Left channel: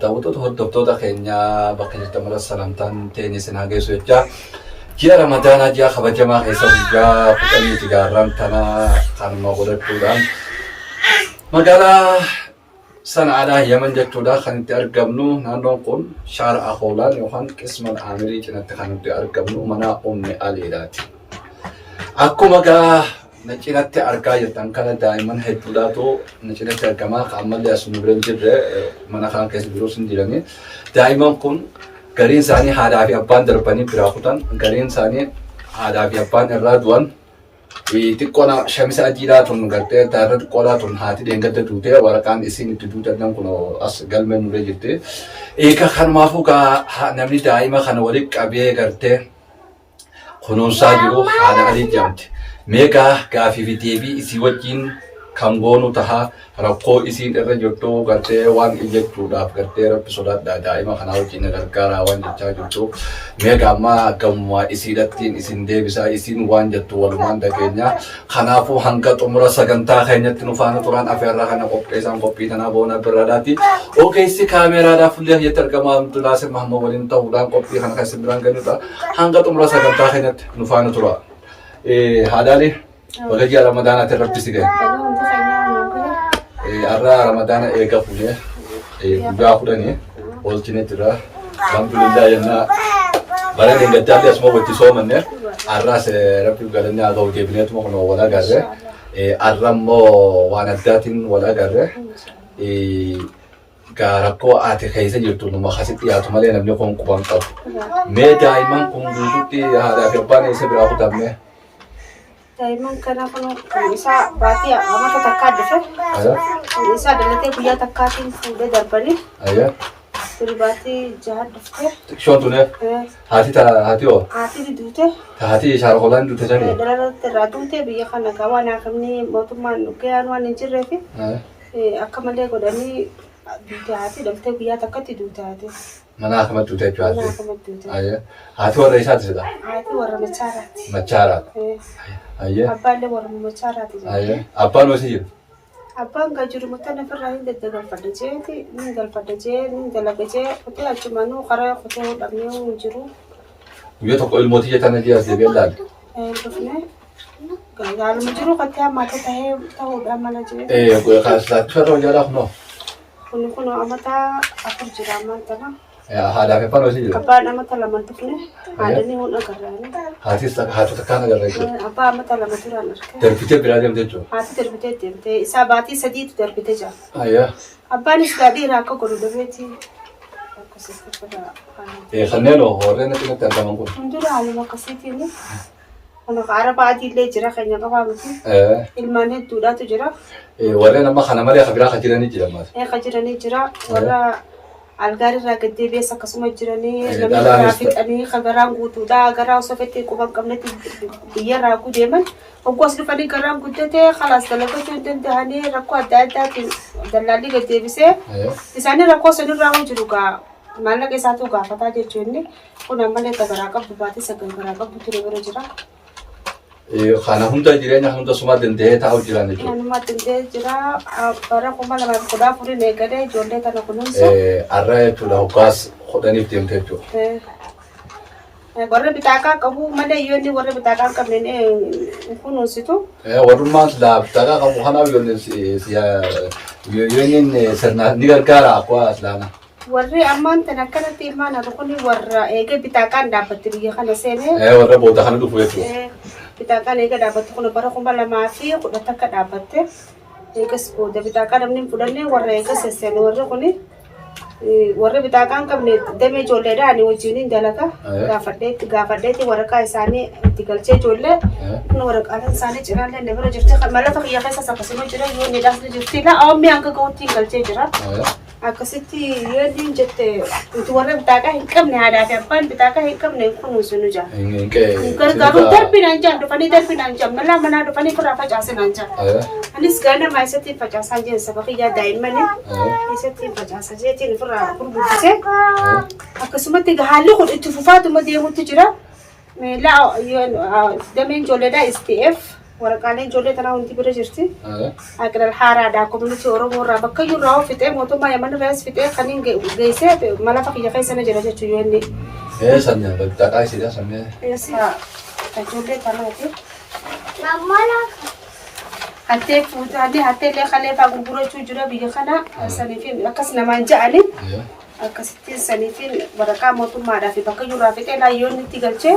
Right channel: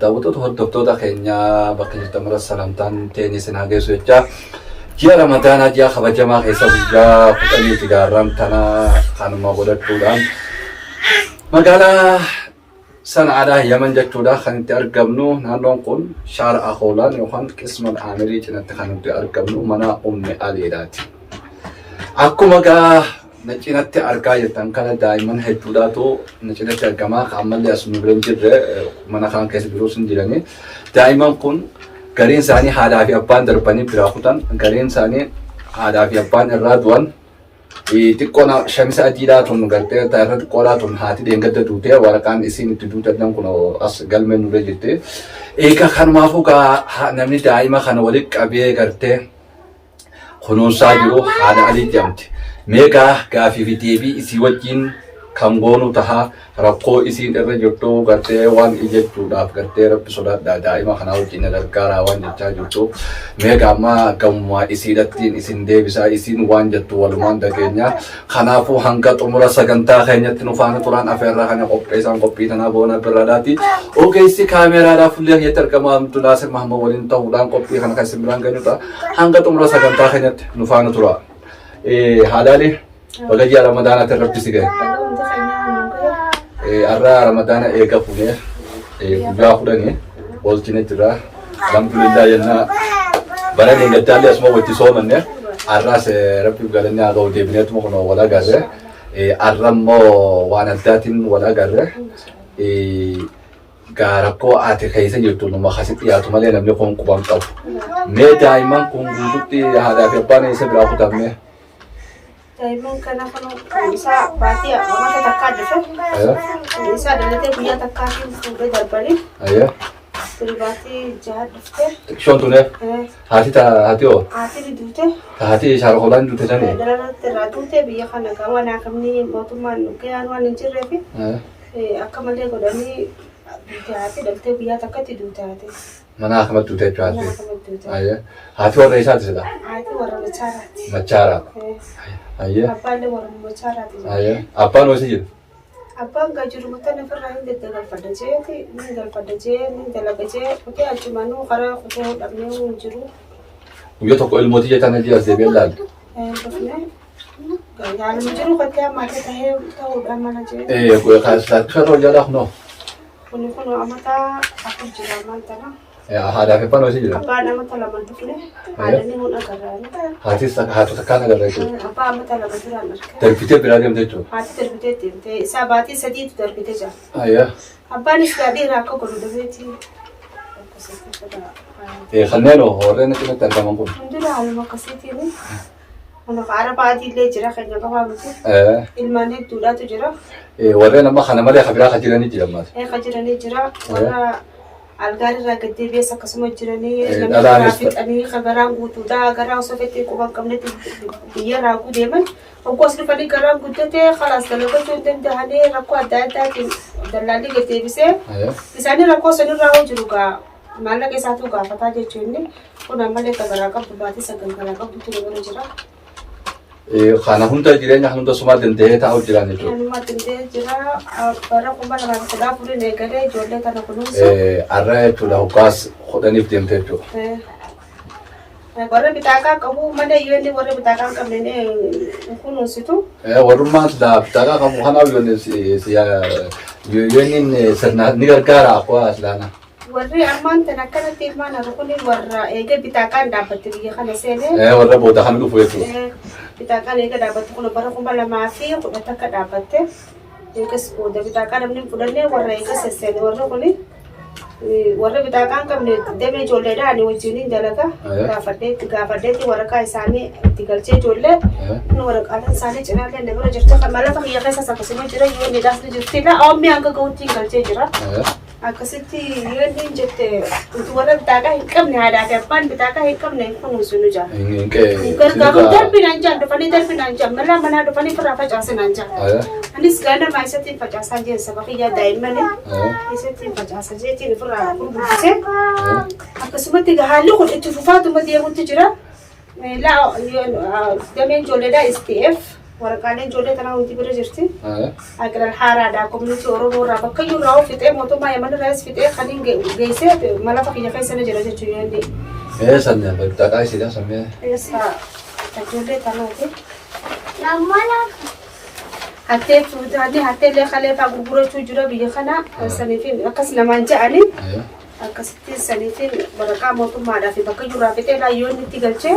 Daawwattoota hordoftoota keenyaa bakka jirtan mara salamtaan teenisii naa geessu jecha ji'a ramadaanaa ji'a kabajamaa keessa guyyaa 10 gaarraan tana kanuma godhachuudhaan magaalaa Sana'aadhaa Yaman jechuudha kan itti argamnu. Naannoon kun Shaara Akoolaan yookaan Qisman Amirii cinatti kan nuti argamnu mana Ummi Aliidhaati. Akkuma gaa na cinatti argaa jirtan kana daa'imman hedduudhaatu na cinatti argamaa. Ammallee as nu bira hin jirre mana kan keessa biroos hin jirani. Daa'imman kun gariin isaanii haadhaa fi abbaan darbanii biraa kutan, gariin isaanii haadhaa fi abbaan irraa du'an. Xiqqoon shamisa adiidhaa tun gartee daaraa xiqqoodhaa tun haati dheengadda duutee waraqaan isiin itti duutan kun as galmee nurra jirti. Egaa kanumaafuu namni daa'ima kana walitti qabee gartee kunuunsaa jiru haadha Alii jedhamti. Meegaa gaafii fi deebii isii wajjin kan goonu tahaa rakkoo isiin irra jirtu gartee waan ijechuudhaaf gartee rabbi sodaadhaa daa'ima kanaa wajjin gargaaraa waan jechaa jirtu. Meegaa amma gammaa isiidhattiin isin deebisaa isiin waan jettu walumaan dhageenya. Kanaafuu hanga xumura sagantaa keenyatti nu faana turan afeerraa kana qopheessan qophii tanaa boona birraadhaati. Ogeessi kaameraadhaaf illee hiyyatti argamaa Abdullaasir Mahamma waliin ta'uudhaan qophii kana kan isin biraan geenyudha. Hanga xumura sagantaa keenyatti nu faana tura. Haadhaalii wala ji'a ramadaanaatti irratti si gahe. Arraa ramadaana eega fuunee guyyaa kudhanii oolchine jira. Alhamdulillah jennaa bara deeggartaallee asuma wajji soomanne arraas rabbiif galanne haa ga'u deebineetuma kun wal agarre. Arra immoo waan addaatiin wal agarre. Rakkoo ati keessa jirtu numa akkasitti dhiyaatu malee namni kun quban qabu. Mee daa'imman kun guututti haadhaa fi abbaan eessa biraa kutamne? Daa'imman kana kan isaa baatii amata takkaa dhufe. Isaa dalatee guyyaa takkaatiin fuudhee darbanii. Baatii jaha dhuftee. Xiqqoon tune? Haati hoo? Haati duute. Haati Shaara Akoolaan duute sanii? Dalalatti irraa duute biyya kana waan akkamni mootummaan gaheen waan hin jirreef akka malee godhanii duute haati dhaltee guyyaa takkatti duute haati. Mana akkamatti duute jechuudha? Mana akkamatti duute. Haati warra isaati sila? Haati warra machaaraati. Machaaraadha. Abbaallee warra machaaraati. Abbaan hoosii jiru? Abbaan gajiru mutan ofirraa hin galfadha jeeti, ni galfadha jee, ni dalaga jee, kutee achumanuu karaa kutee hodhamnee hin jiru. Guyyaa tokko ilmootii jettana jee as deebi'ee ilaalle? Dhufnee gaaluma jiru kattee ammaata tahee ta'uudhaan mala jee. Laachifata hojjaadhaaf noo? Kun amata afur jira ammaan tana. Haadhaa fi abbaan hoosii jiru? Abbaan amata lama dhufne, haadhanii hun agarraani. Haati takkaan agarra jechuudha? Abbaa amata lama jiraan arge. Darbitee biraa deemte jechuudha? Haati darbitee deemte, isaa baatii sadiitu darbitee jira. Abbaanis gaadhii irraa akka godhu dhabeeti. Kanneen horreen cinatti argaman kun? Hundura haaluma akkasiitiin. Kun araba adiillee jira keenya qabaa miti. Ilmaan hedduudhaatu jira. Warreen amma kana malee kan biraa kan jiranii jira ammaas? Kan jiranii jira. Warra algaarrirraa gaddeebi'ees akkasuma jiranii namni garaa fixanii kan garaan guutuudha. Garaa osoo fettee quba hin qabnetti biyyarraa deeman. Hoggoos dhufanii garaan guddatee khalaas dalagachuu hin danda'anii rakkoo adda addaatiin dallaalli gaddeebisee isaanii rakkoo sanirraa hoo jiru gaa maallaqa isaatu gaafataa jechuun kun ammallee kan garaa qabdu baatii sagal garaa qabdu ture bira jira. Kana hunda jireenya hunda sumaa danda'ee taa'u jiraan jechuudha. Kanuma danda'ee jira bara 2014 eegalee ijoollee kana kunuunsa. Arraa jechuudha hoggaas hodhaniif deemte jechuudha. Warra bitaakaa qabu malee yoo inni warra bitaakaa hin qabne kunuunsitu. Warrummaan bitaakaa qabu kanaaf yoo inni sirnaan ni gargaara akkuma islaana. Warri ammaan tan akkanatti ilmaan haadha kun warra eega bitaakaan dhaabbatte biyya kana seenee. Warra booda kan dhufu jechuudha. Bitaakaan eega dhaabbatte kun bara 2010 akka dhaabbatte eegas booda bitaakaa namni fudhannee warra eega sesseene warra kuni. Warra bitaakaan qabne damee ijoolleedhaan wajjin dalaga gaafadheetti waraqaa isaanii itti galchee ijoollee waraqaaleen isaanii cinaallee inni bira jirti malafa kiyya keessas akkasuma jira yoo inni dhaasni jirti oomni hanga ga'uutti galchee jira akkasitti yoo inni jette warra bitaakaa hin qabne haadhaa fi abbaan bitaakaa hin qabne kunuunsu nu jira gargaaruun darbinaan jaan dhufanii darbinaan jaan malaa manaa dhufanii firraa facaasinaan jaan anis gaanamaa isatti facaasaa jeen saba kiyyaa daa'immanii isatti facaasa jeetiin firraa gurguddisee akkasumatti haalli kun itti fufaatuma deemutti jira dameen ijoolleedhaa STF waraqaaleen ijoollee tanaa hundi bira jirti. Aqiral haaraadhaa koominitii Oromoo irraa bakka iyyuu irraa fixee mootummaa Yaman irraas fixee kaniin geessee mala fakkiya keessa na jira jechuun yoo inni. Sanya bitaqaa isiidha sammee. Ijoollee tanaati. Hattee fuudhanii hattee illee kalee fa'aa gurgurachuu jira biyya kana saniifin akkas namaan ja'anii. Akkasitti saniifin waraqaa mootummaadhaa fi bakka iyyuu irraa fixee laayyoonni itti galchee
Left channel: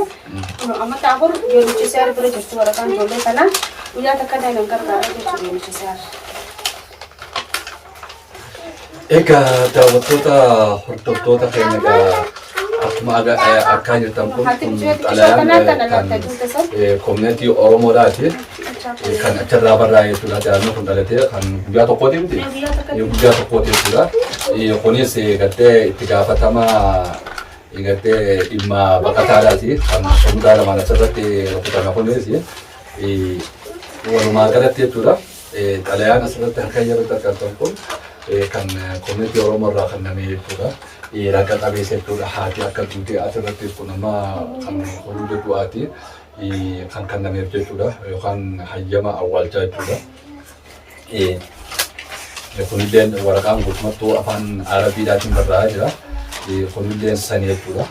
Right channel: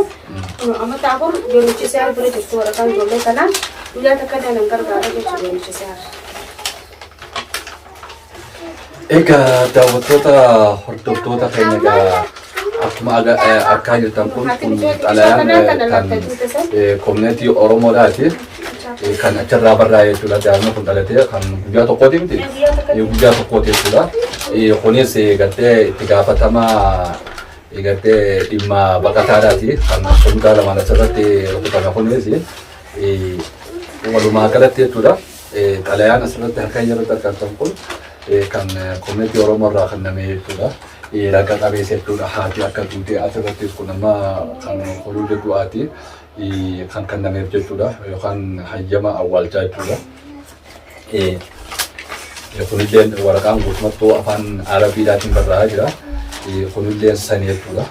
amma taafur beeluchisee bira jirtu waraqaan ijoollee tanaa guyyaa takka nan gargaara jechuudha beeluchisee. Egaa daawwattoota hordoftoota keenya akkuma akka jirtan kun xalayaan kan koominitii Oromoodhaati. Kan achirraa barraa'ee jechuudha. Daa'imni kun dhalatee kan guyyaa tokkooti miti. Guyyaa tokkooti jechuudha. Kunis gartee itti gaafatama gartee dhimma baqataadhaati. Kan kundaa lamaan asirratti rukutame kunis walumaa galatti jechuudha. Xalayaan asirratti harka yeroo argattan kun kan koominitii Oromoo irraa kenname jechuudha. Ragaa qabeessa jechuudha. Haati akka duutee asirratti kun amma kan horii du'aati. Kan kennameef jechuudha yookaan hayyama awwaalchaa jechuudha. Kunilleen waraqaan guutummattuu afaan Arabiidhaatiin barraa'aa jira. Kunilleen sanii jechuudha.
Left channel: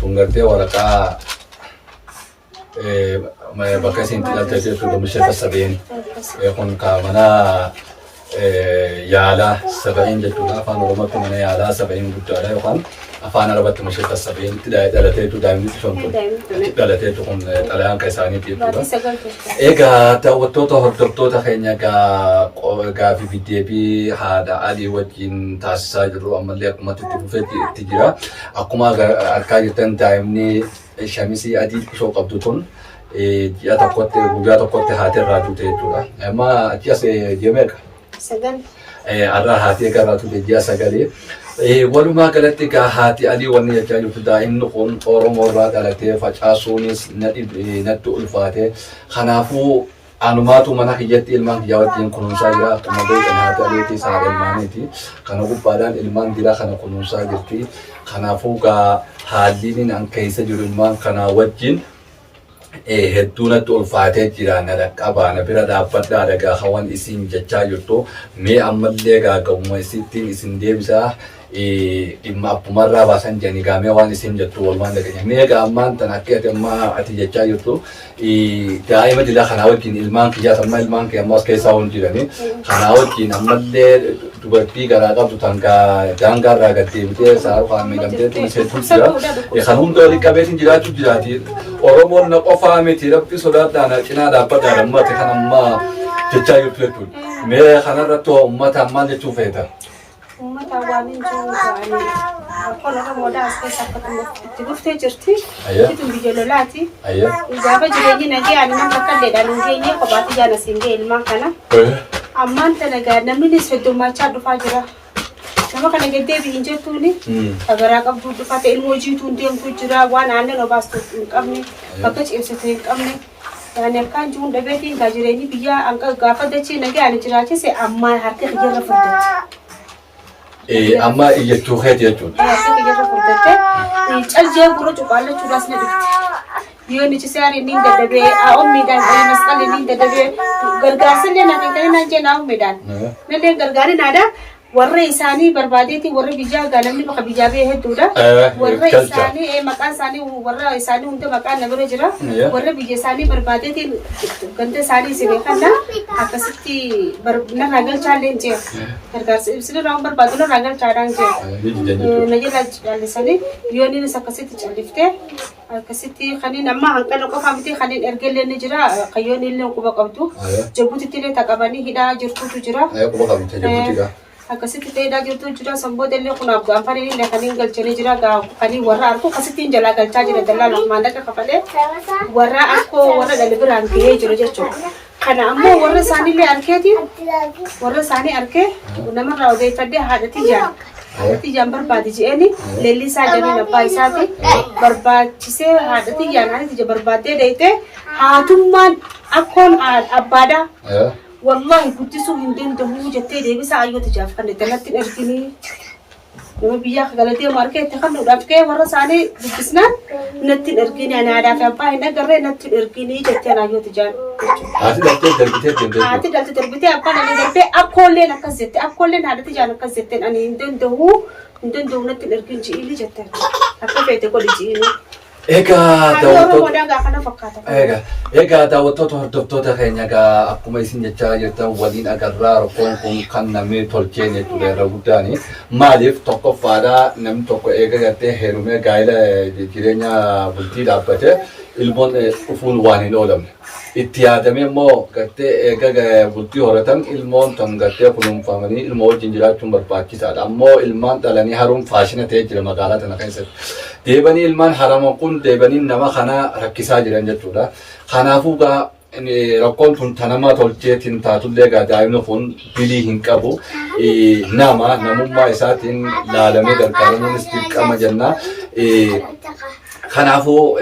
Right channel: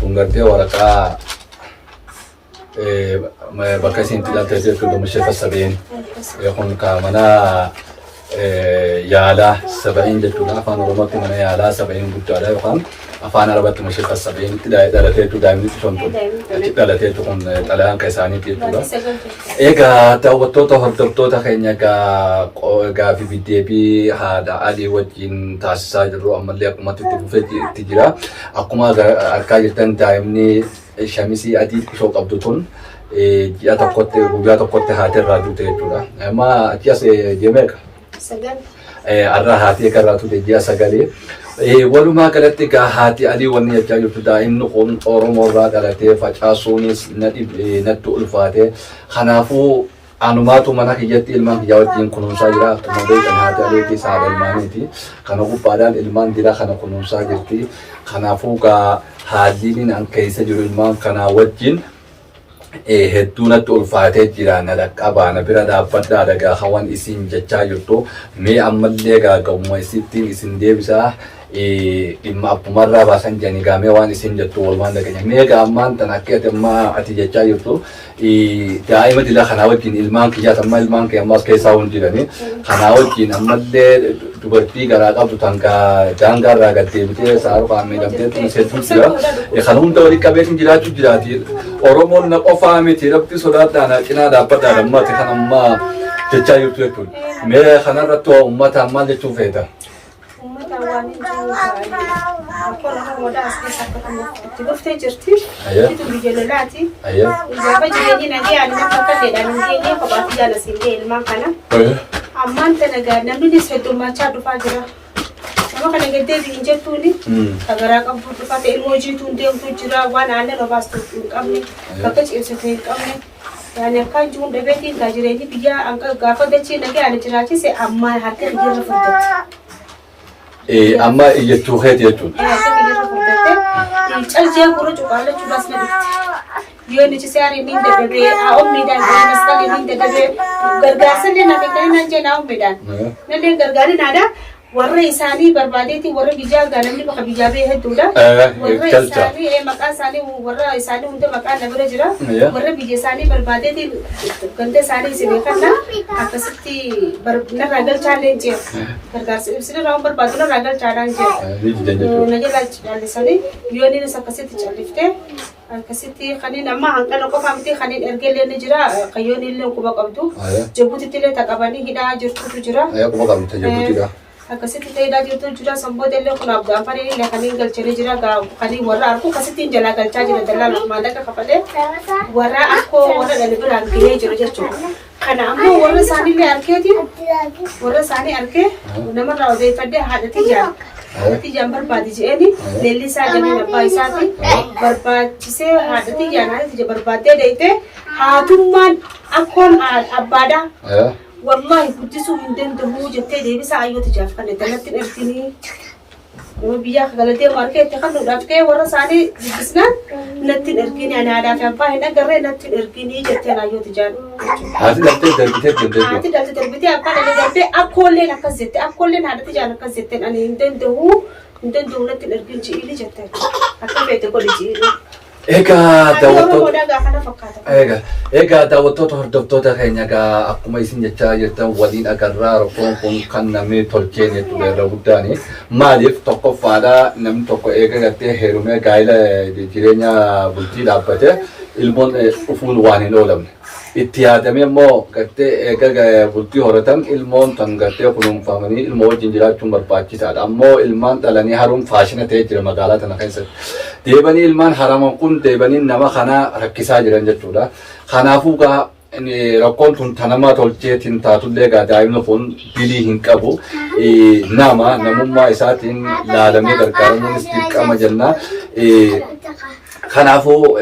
Kun gartee waraqaa bakka isin xidhalte jechuudha mishee fassabeen kun mana yaalaa saba'een jechuudha. Afaan Oromootti mana yaalaa saba'een guddaadha yookaan afaan Arabaatti mishee fassabeen dhalateetu daa'imni sun dhalateetu kun xalayaan kan isaaniiti jechuudha. Egaa daawwattoota hordoftoota keenya gaafii fi deebii haadha Alii wajjin taasisaa jirru ammallee akkuma itti fufeetti jira. Akkuma argaa jirtan daa'imni shamisii adii kusoo qabdu tun ji'a tokkotti guyyaa tokkotti haati irraa duute jechuudha. Amma achi as jemeeqa? Sagal. Arraa haati eegarraa tuute ji'a sagalee. Walumaa galatti egaa haati Alii wanni jechaa jirtu daa'imni kun Oromoo irraa dhalatee facaasuunis natti ulfaate. Kanaafuu anumaatu mana kiyyatti ilmaan kiyyaa wajjin kunuunsaa jira. Akkuma beekan haati Aliitis haadha ilmaaniiti. Kana gubbaadhaan ilmaan dira kana kunuunsaa jirti. Kanaafuu egaa haalli an keessa jiru ilmaan kanaa wajjin hedduu natti ulfaatee jira. Na dhaqqabaa na bira dhaabbadhaa dhagaa hawan isin jechaa jirtu. Mee ammallee gaaga'uma isittiin isin deebisaa. Dhimma abbumarraa baasan jedhanii gaamee waan isin jettu walumaan dhaganya. Mee gaammaan tan akka ati jechaa jirtu daa'ima dila kanaa wajjin ilmaan kiyyaas amma ilmaan kiyya ammas keessaa hundi jiranii. Kanaa wajjin ammallee dubartii garaa qabdu tan daangaarraa gad deebitee saaruu kaan miidhamtee hedduu jira. Kana hunda waliin qabeetiin jiraachuu jiraati. Oromoon na qofaa miti rabbi sodaadhaan cinaa dhaabbadhaan ammati kan ammaa jechaa jirtu jechuudha. Mee kanarratti uummata maal jechuu feeta? Ummata waan hin jiru ta'anii akkoo lafa moodaa as keessa akka itti dhuftee jirti. Itti biyya lolaati. Gaafa jireenyi nagee ani nama akka illeedhaan hin geenye kophaatti jaalasiin ga'e ilmaan kana. Ammaan tana gaa namni heddummachaa dhufaa jira. Nama kana gaddeebii hin jettuuni. Agaraa qabdu dhufate ilmoo jiituun deemtu jira waan aannan obaastu hin qabne bakka ciibsitu hin qabne. Yani akkaan jiruun dhabeetiin gaa jireenyi biyya gaafa dachee nagee ani jiraachise amma harka xiyyaarra furdatti. Amma iyyachuu keeti jechuudha. Harka xiyyaarra furdatti callee gurra cuqaallachuudhaas ni dhufti. Yoo ni cisaare ni dadhabee ommiidhaan ta'ee masqalee ni dadhabee gargaarsallee na beekanii naan jee na ommiidhaan. Nallee gargaari naadhaa. Warra isaanii barbaadeetii warra biyyaa namni bakka biyyaa ba'e hedduudha. Warra isaanii maqaan isaanii warra isaanii hunda maqaan na bira jira. Warra biyya isaanii barbaadeetiin ganda isaanii isin beekanna akkasitti narraa galchaallee jee. Gargaarsa ibsina raawwan barbaadu narraa galchaadhaan jee. Na jala callisanii yoo innis akkasitti calliftee akkasitti kaniin amma hanqala qofaa miti kaniin ergellee ni jira. Qayyoon illee quba qabdu. Jabuutitti illee taqabanii hidhaa jirtutu jira. Quba qabdu jabuutidha. Akkasitti ta'eedhaa jirtu jira sanboota illee kun abgaan fariin illee kaniin galchanii jira kanii warra arku akkasittiin jalaa galchaa jira dallaan maallaqa kafalee warra akkoo warra dhali biraan gahee jira jechuudha. Kana ammoo warra isaaniillee arkeeti warra isaanii arkee namarraa odeeffadhee haadhatii jaan. Haadhatii jaan barbaade je'eeni leellisaa jameen abbaa isaati barbaachisee haadhatii jaan haadhatii barbaaddee dayitee haatummaan akkoon abbaadhaa. والله كنت سوي ندم دمو جتة دي بس عيوت جاف كنا دلت الأرتيني nama biyyaa galatee markeetti kan nuudhaaf ka'e warra isaanii dubbisnaan natti ergini ani aadaa fi abbaa hin agarree natti ergini jettee naayyooti jaan. Haati daltee darbitee darbitee. Haati daltee darbitee abbaan ani darbee akkoolleen akkas jette akkoolleen haadhati jaan akkas jetteen ani hin danda'u natti ergin ji'ili jettee akka feete godhi ji'ilu. Egaa daawwattoota hordoftoota keenya egaa akkuma isin jechaa jirtan waliin agarraa rakkoon kun kan namni tolcheen jechuudha irra guddaani. Maaliif tokkoffaadha namni tokko eega gartee heerumee gaa'ela jireenya bultii dhaabbate ilmoon dhufuun waan hin oolamne. Itti yaadamee immoo gartee eega bultii horatan ilmoon tan gartee kunuunfamanii ilmoo wajjin jiraachuun barbaachisaadha. Ammoo ilmaan dhalanii haruun faashina ta'ee jira magaalaa tana keessatti. Deebanii ilmaan haraman kun deebanii nama kana rakkisaa jiran jechuudha. Kanaafuu gaa rakkoon kun tanama tolcheetiin taatullee gaa daa'imni kun bilii hin qabu. Namummaa isaatiin laalamee gargaaramuunis dirqama jenna. Kanaafuu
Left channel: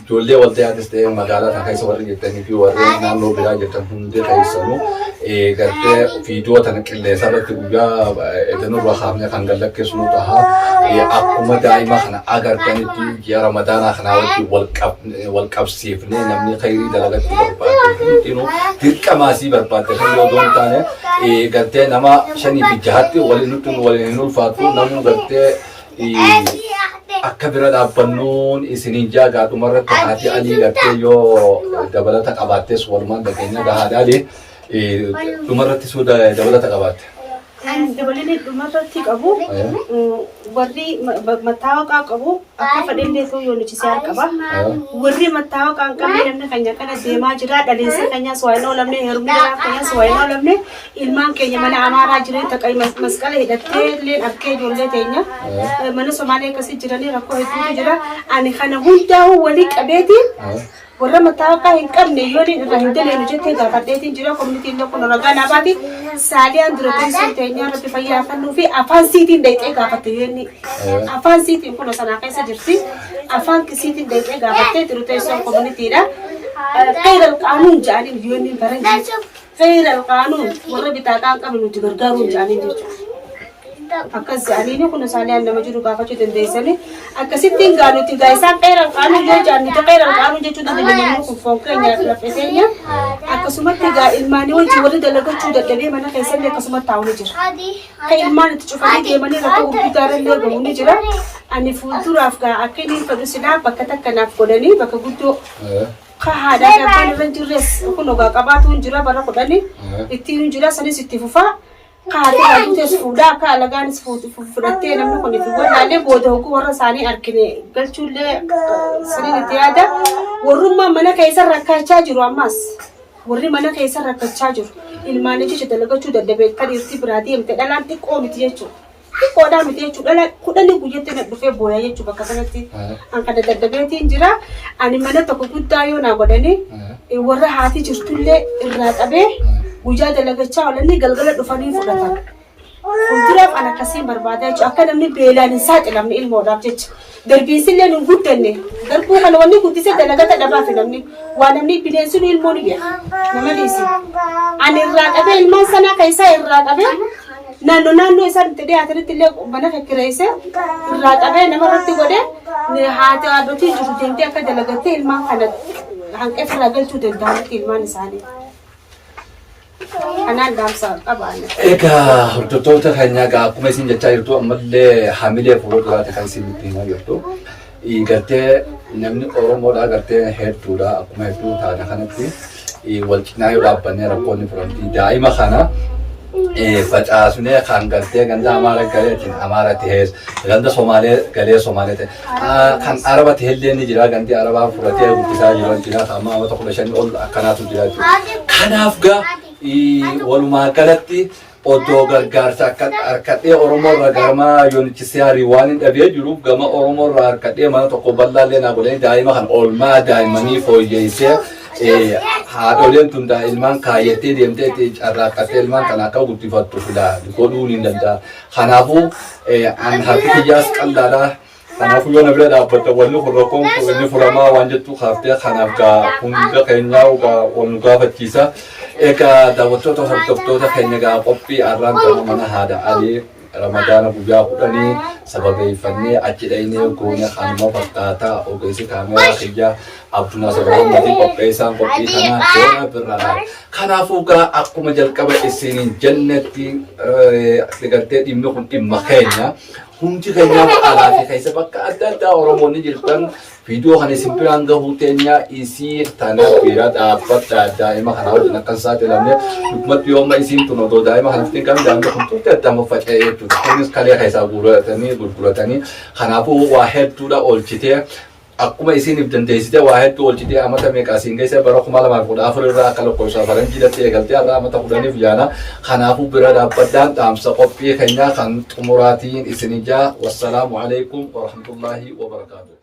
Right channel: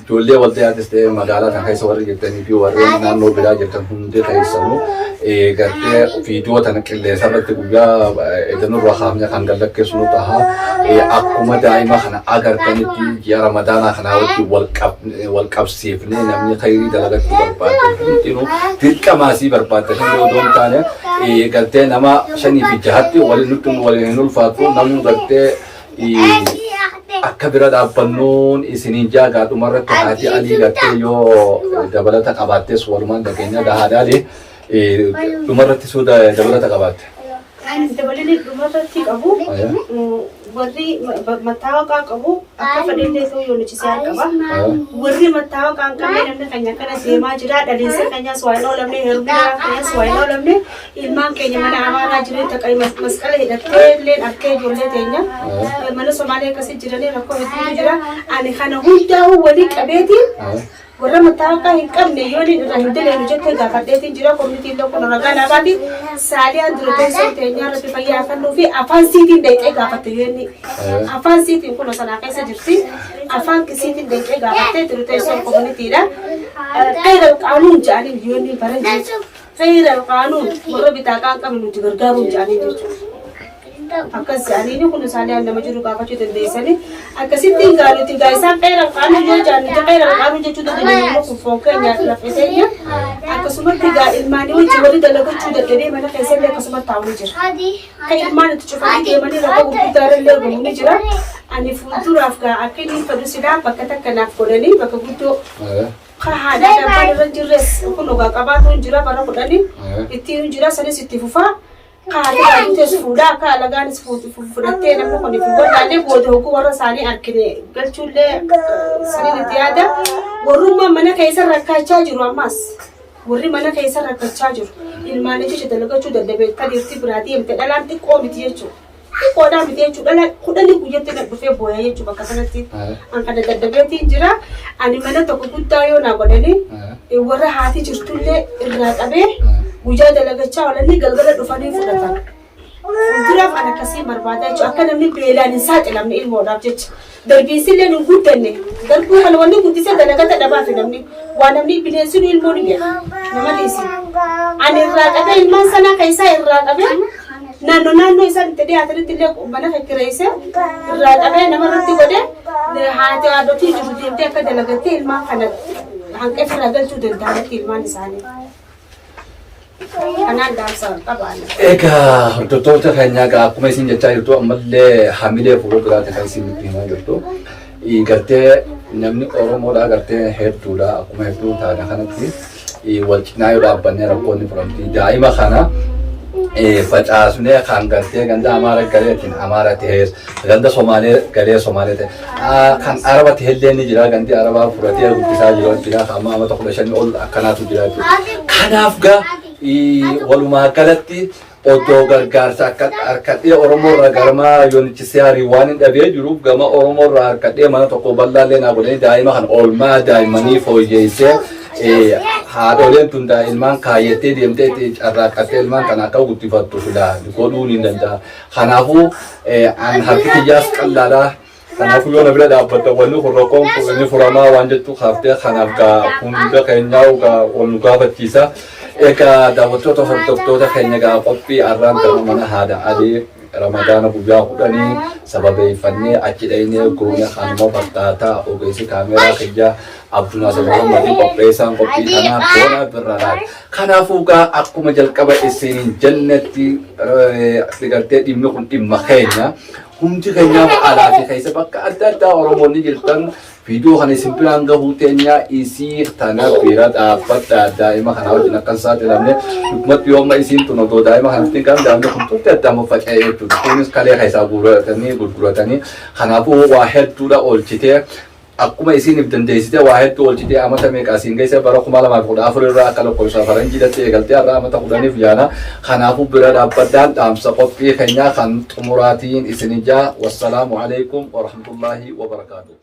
ijoollee waldayaattis ta'ee magaalaa kana keessa warri jirtanii fi warreen naannoo biraa jirtan hundee keessanuu gartee viidiyoo tana qilleensa irratti guyyaa edanurraa kaafne kan gallakkeessu nu ta'a. Akkuma daa'ima kana agartanitti ji'a ramadaanaa kanaa wajjin wal qabsiifnee namni khayrii dalagatti barbaadde hundinuu dirqamaasii barbaadde kan yoo doon taane gartee nama 5 fi 6tti waliin hin ulfaatu namuu gartee akka bira dhaabbannuun isiniin jaagaa dhumarratti haati alii gartee yoo dabalata qabaattees walumaan dhageenya gahaadhaali dhumarratti suu dabalata qabaatte. Dabalini dhumarratti qabu warri mattaawaqaa qabu akka fedhillee ta'uu yoo nuchisee qaba. Warri mattaawaqaa hin qabne namni keenya kana deemaa jira dhaliinsa keenyas waa hin oolamne heerumni keenyas waa hin oolamne ilmaan keenya mana amaaraa jireen taqay masqala hidhattee illee arkee ijoollee teenya mana Somaalee akkasii jiranii rakkoo hedduutu jira. Ani kana hundaa'uu walii qabeetiin warra mattaawaqaa hin qabne yoo irraa hin dileenu jettee gaafadheetiin jira koominitiin tokko ragaa naabaati saaliyaan dura teessoon teenyaa irratti fayyaa fannuu fi afaan siitiin dayxee gaafatte yeenni afaan siitiin kun sanaa keessa jirti afaan siitiin dayxee gaafattee dura teessoon koominiitiidha qeeral qaanuun jedhanii yoonni baran jechuudha qeeral qaanuun warra bitaaqaa hin qabne nuti gargaaruun jedhanii jechuudha. Akkas jedhanii kun saaliyaan nama jiru gaafachuu dandeessanii akkasittiin gaanutti gaa'isaan qeeral qaanuun yoo jaannuti qeeral qaanuun jechuu dandeenya kun foon keenyaaf lafee teenya akkasumatti gaa ilmaanii wajjin walii dalagachuu dadhabee mana keessallee akkasumatti taa'uu jira. Kan ilmaan itti cufanii deemanii rakkoo gurguddaarallee gahu ni jira. Ani fuulduraaf gaa akka inni fedhu silaa bakka takkanaaf godhanii bakka guddoo haadhaa dhabbaan irra jirres kun ogaa qabaatu hin jira bara kudhanii ittiin hin jira sanis itti fufaa. Kaati kaanutes fuudhaa akka alagaanis fudhattee namni kun itti godhaalee booda hoguu warra isaanii argine galchuullee sirriin itti yaada. Warrummaan mana keessa rakkachaa jiru ammas warri mana keessa rakkachaa jiru ilmaan jecha dalagachuu dadhabee tadiirti biraa deemte dhalaan xiqqoo miti jechuudha. Xiqqoodhaa miti jechuudha dhalaan kudhanii guyyaatti na dhufee booyaa jechuudha bakka sanatti an kana dadhabeetiin jira. Ani mana tokko guddaa yoo naa godhanii warra haati jirtullee irraa qabee guyyaa dalagachaa oolanii galgala dhufanii fudhatan. Fuulduraaf an akkasiin barbaada jechuudha. Akka namni beelaan hin saaxilamne ilmoodhaaf jecha. Darbiinsillee hin guddanne. Darbuu kana wanni guddisee dalagata dhabaafi namni. Waa namni bineensi ilmoo ni beeka. Nama dhiisi. Ani irraa qabee ilmaan sanaa keessaa irraa qabee naannoo isaan itti dhiyaatanitti illee mana fakkireessee irraa qabee namarratti godhee haati haadhotii jiru deemtee akka dalagattee ilmaan kana hanqee firaa galchuu danda'anitti ilmaan isaanii. Kanaan daansaa qabaana. Egaa hordoftoota keenya akkuma isin jechaa jirtu ammallee hamilee fuula duraati kan isin himaa jirtu. Gartee namni Oromoodhaa gartee hedduudha akkuma hedduu taana kanatti wal cinaa yoo dhaabbannee rakkoonni furamti daa'ima kana facaasnee kan gartee ganda Amaara galeetiin Amaara ta'ees ganda Somaalee galee Somaalee ta'e kan Araba ta'ellee ni jira gandi Arabaa furatee guddisaa jiru jira amma amma tokko 5 ol akkanaatu jira jechuudha. Kanaaf gaa walumaa galatti oddoo gargaarsa harkadhee Oromoo irraa garmaa yoonichi harii waan hin dhabee jiruuf gama Oromoo irraa harkadhee mana tokko bal'aallee naa godhanii daa'ima kan oolmaa daa'immanii fooyyeessee haadholeen tun ilmaan kaayyattee deemtee carraaqqattee ilmaan kana akka guddifattu filaa godhuun hin danda'a. Kanaafuu an harki kiyyaas qallaadhaa. Kanaafuu yoo na bira dhaabbata wanni kun rakkoon kun inni furamaa waan jettu kaaftee kanaaf gaa hunda keenyaa wal nu gaafachiisa. Egaa daawwattoota hordoftoota keenya gaa qophii arraan gama mana haadha alii ramadaana guyyaa kudhanii sababeeffannee achi dhaynee goone kanuma fakkaataa ogeessi kaameeraa kiyya Abdunaasir Muhammadii qopheessaan qophii kanaa goona birradhaan. Kanaafuu gaa akkuma jalqaba isiniin jannatti gartee dhimmi kun dhimma keenya hundi keenyaaf alaa fi keessa bakka adda addaa Oromoonni jirtan viidiyoo kana isin biraan gahuu teenya isii tana bira dhaabbadha daa'ima kana wajjin akkan saaxilamne dhugumatti yooma isiin tun otoo daa'ima kanatti kan daa'imni kun tuutti addaama faca'ee jechuudha. Kunis kalee keessaa gurguratanii kanaafuu waa hedduudha oolchitee akkuma isiniif dandeessite waa hedduu oolchitee amata meeqaa siin geesse bara 2014 irraa akka lakkoofsa faranjiidatti eegaltee har'a amata 10 yaana kanaafuu bira dhaabbadhaan dhaamsa qophii keenyaa kan xumuraatiin isinijaa wassalaamu alaikum wa rahmatullahi wa barakaatuh.